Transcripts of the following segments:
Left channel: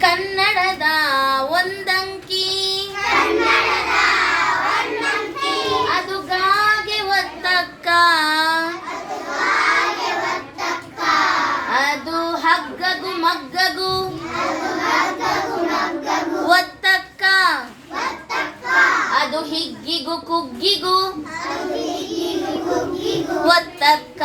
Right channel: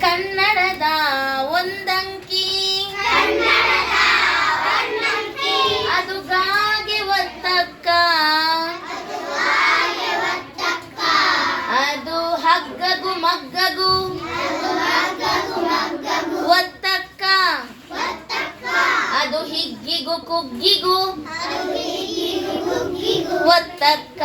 ಕನ್ನಡದ ಒಂದಂಕಿ. ಅದು ಗಾಗೆ ಒತ್ತಕ್ಕ. ಅದು ಹಗ್ಗಗು ಮಗ್ಗಗು. ಒತ್ತಕ್ಕ. ಅದು ಹಿಗ್ಗಿಗೂ ಕುಗ್ಗಿಗೂ. ಒತ್ತಕ್ಕ.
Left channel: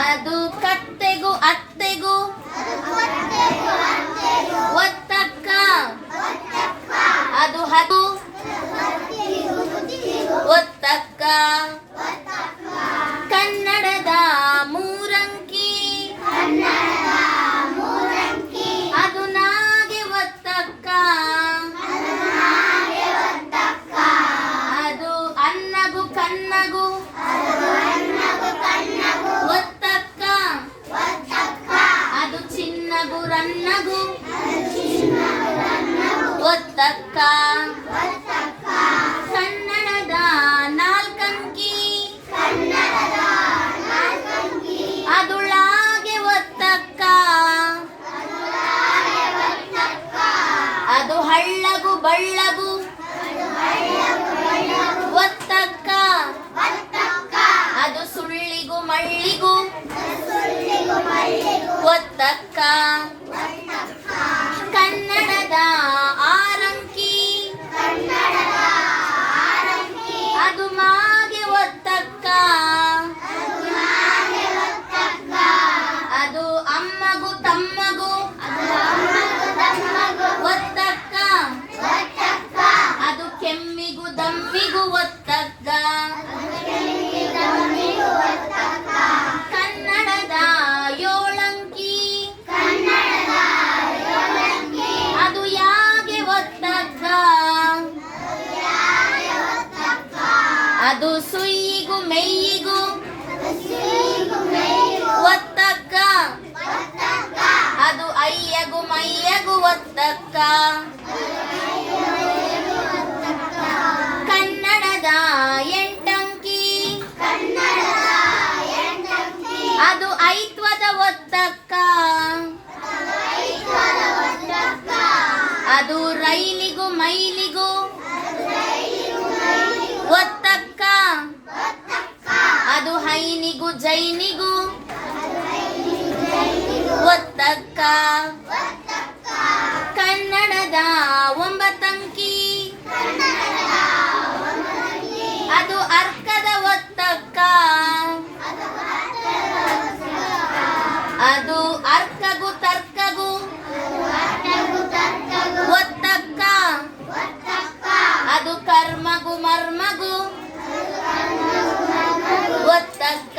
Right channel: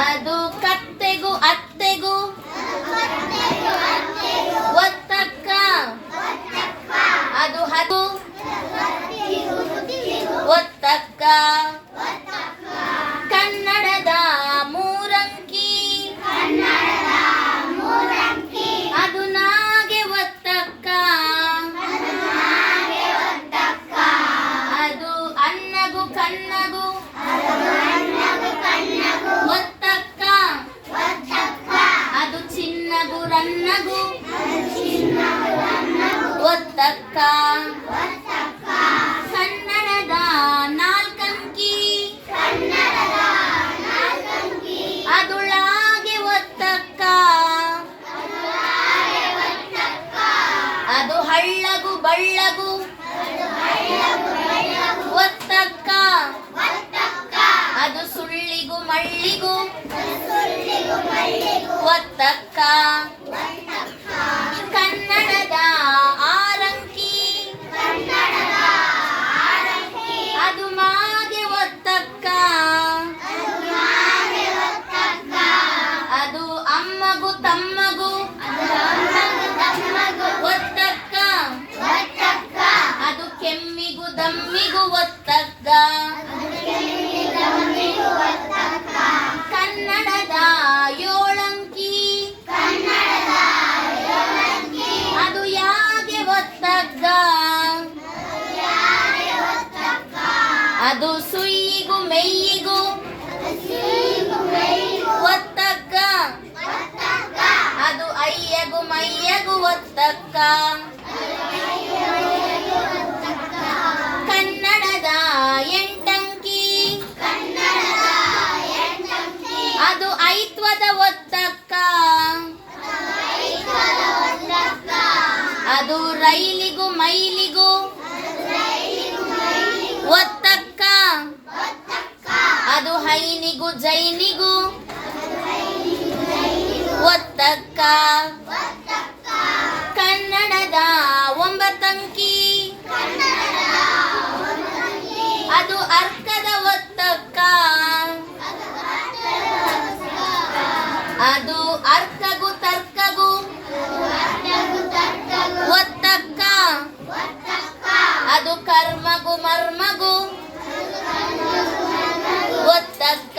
ಅದು ಕತ್ತೆಗೂ ಅತ್ತೆಗೂ. ಒತ್ತಕ್ಕ. ಸಣ್ಣನದ ನಾಲ್ಕಂಕಿ ಅದುಳಾಗೆ ಒತ್ತಕ್ಕ. ಅದು ಹಳ್ಳಗು ಬಳ್ಳಗು. ಒತ್ತಕ್ಕ. ಅದು ಸುಳ್ಳಿಗೂ ಮಳ್ಳಿಗೂ. ಒತ್ತಕ್ಕ. ಕನ್ನಡದ ದಮ್ಮಿಗೂ ಒತ್ತಕ್ಕ ಕನ್ನಡದ ಯೋಳಂಕಿ. ಅದು ಯಾಗೆ ಒತ್ತಕ್ಕ ಅದು ಸುಯ್ಯಿಗೂ ಮೆಯ್ಯಿಗೂ ಒತ್ತಕ್ಕ ಅದು ಅಯ್ಯಗು ಮೈಯಗೂ ಒತ್ತಕ್ಕ ಐತ್ವದ ಒತ್ತಕ್ಕ ಅದು ರೈಲಿಗೂ ಮೈಲಿಗೂ. ಒತ್ತಕ್ಕ. ಅದು ಹೈನಿಗೂ ಜೈನಿಗೂ. ಒತ್ತಕ್ಕ. ಕನ್ನಡದ ಒಂಬತ್ತಂಕಿ. ಅದು ಅರ್ಕದ ಒತ್ತಕ್ಕ. ಅದು ಅರ್ಥಗು ತರ್ಕಗು. ಒತ್ತಕ್ಕ. ಅದು ಕರ್ಮಗು ಮರ್ಮಗು. ಒತ್ತಕ್ಕ.